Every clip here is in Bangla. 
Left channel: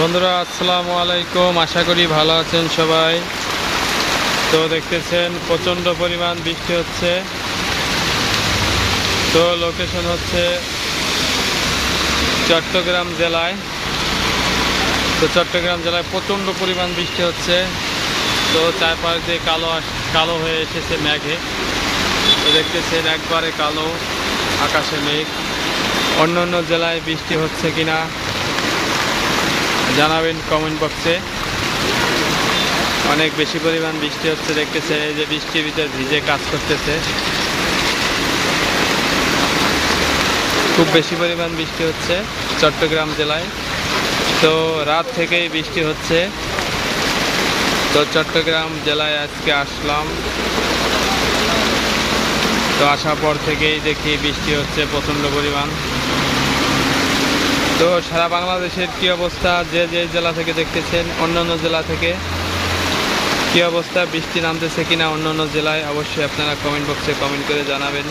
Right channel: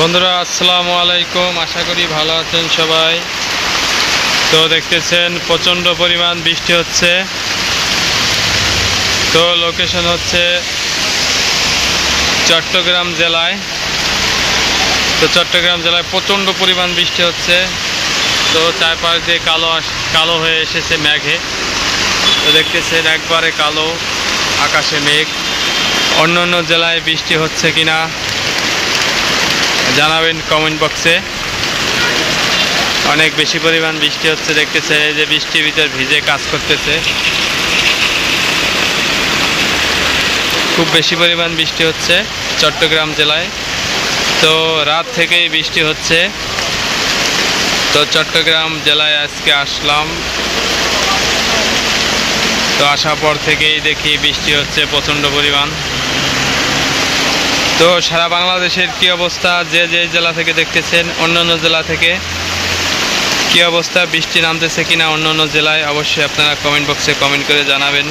বন্ধুরা আসসালামু আলাইকুম, আশা করি ভালো আছেন সবাই। তো দেখতেছেন প্রচণ্ড পরিমাণ বৃষ্টি হচ্ছে। তো লোকেশন হচ্ছে চট্টগ্রাম জেলায়। তো চট্টগ্রাম জেলায় প্রচণ্ড পরিমাণ বৃষ্টি হচ্ছে। তো চারপাশ দিয়ে কালো হয়ে এসেছে মেঘে। তো দেখতেছেন একবারে কালো আকাশে মেঘ। অন্য অন্য জেলায় বৃষ্টি হচ্ছে কিনা জানাবেন কমেন্ট বক্সে। অনেক বেশি পরিমাণ বৃষ্টি হচ্ছে, দেখতেছেন এই যে বৃষ্টির ভিতর ভিজে কাজ করতেছে। খুব বেশি পরিমাণ বৃষ্টি হচ্ছে চট্টগ্রাম জেলায়। তো রাত থেকেই বৃষ্টি হচ্ছে। তো চট্টগ্রাম জেলায় আজকে আসলাম। তো আসার পর থেকেই দেখি বৃষ্টি হচ্ছে প্রচণ্ড পরিমাণ। তো সারা বাংলাদেশের কি অবস্থা, যে যে জেলা থেকে দেখতেছেন, অন্যান্য জেলা থেকে কি অবস্থা, বৃষ্টি নামতেছে কিনা অন্য অন্য জেলায়, অবশ্যই আপনারা কমেন্ট বক্সে কমেন্ট করে জানাবেন।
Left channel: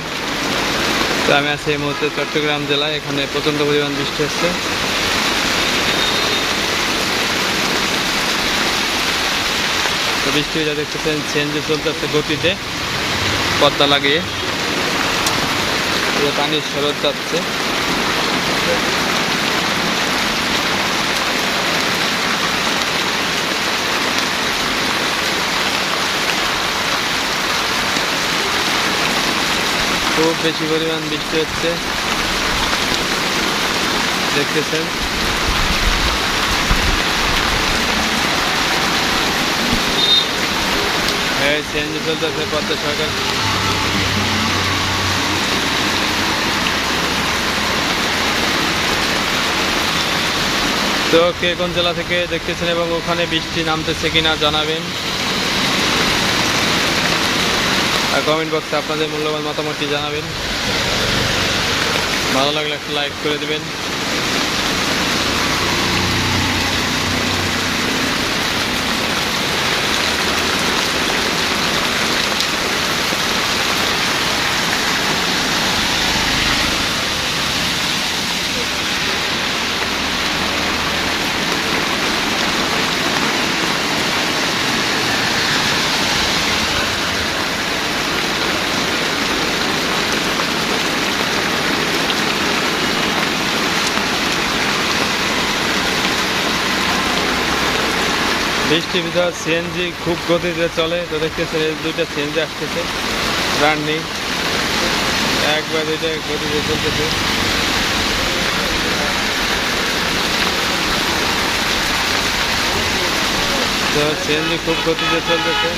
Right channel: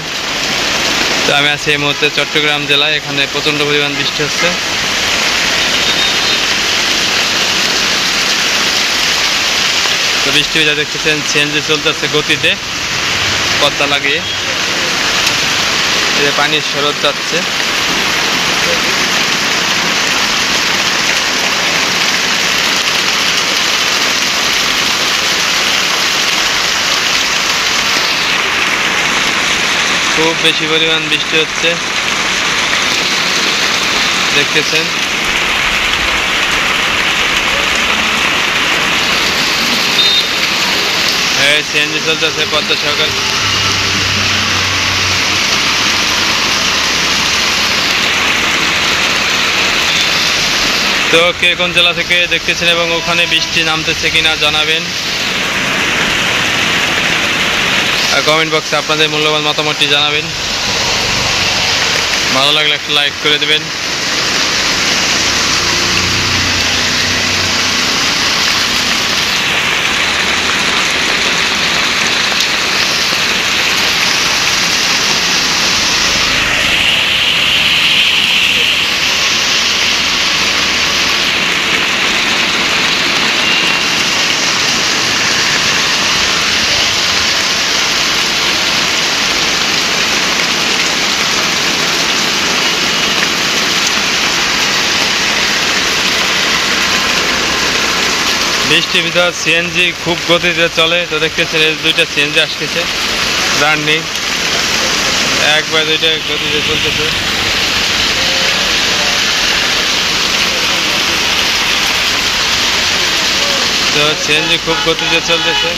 তো আমি আছি এই মুহূর্তে চট্টগ্রাম জেলায়, এখানে প্রচণ্ড পরিমাণ বৃষ্টি হচ্ছে। তো বৃষ্টি যা দেখতেছেন সিএনজি চলতেছে গতিতে, পদ্মা লাগিয়ে এই পানির স্রোত যাচ্ছে। খুব বেশি পরিমাণ বৃষ্টি হচ্ছে দেখতেছেন। হ্যাঁ, সিএনজি চলতেছে পদ্মা সরকার। তো কে কোন জেলা থেকে দেখতেছেন এবং ওখানে বৃষ্টি নামতেছে কিনা জানাবেন। আর কমেন্ট বক্সে আপনাদের মূল্যবান মতামতটি জানাবেন। ভালো লাগলে একটা লাইক করে দেবেন। বৃষ্টির ভিতর সিএনজি খুব গতিতে চলে। তো দেখতেছেন এই দুইটা সিএনজি আসতেছে রানিং, একবার দুইটা গতিতে চলতেছে। তো সিএনজি খুব গতিতে চলতেছে।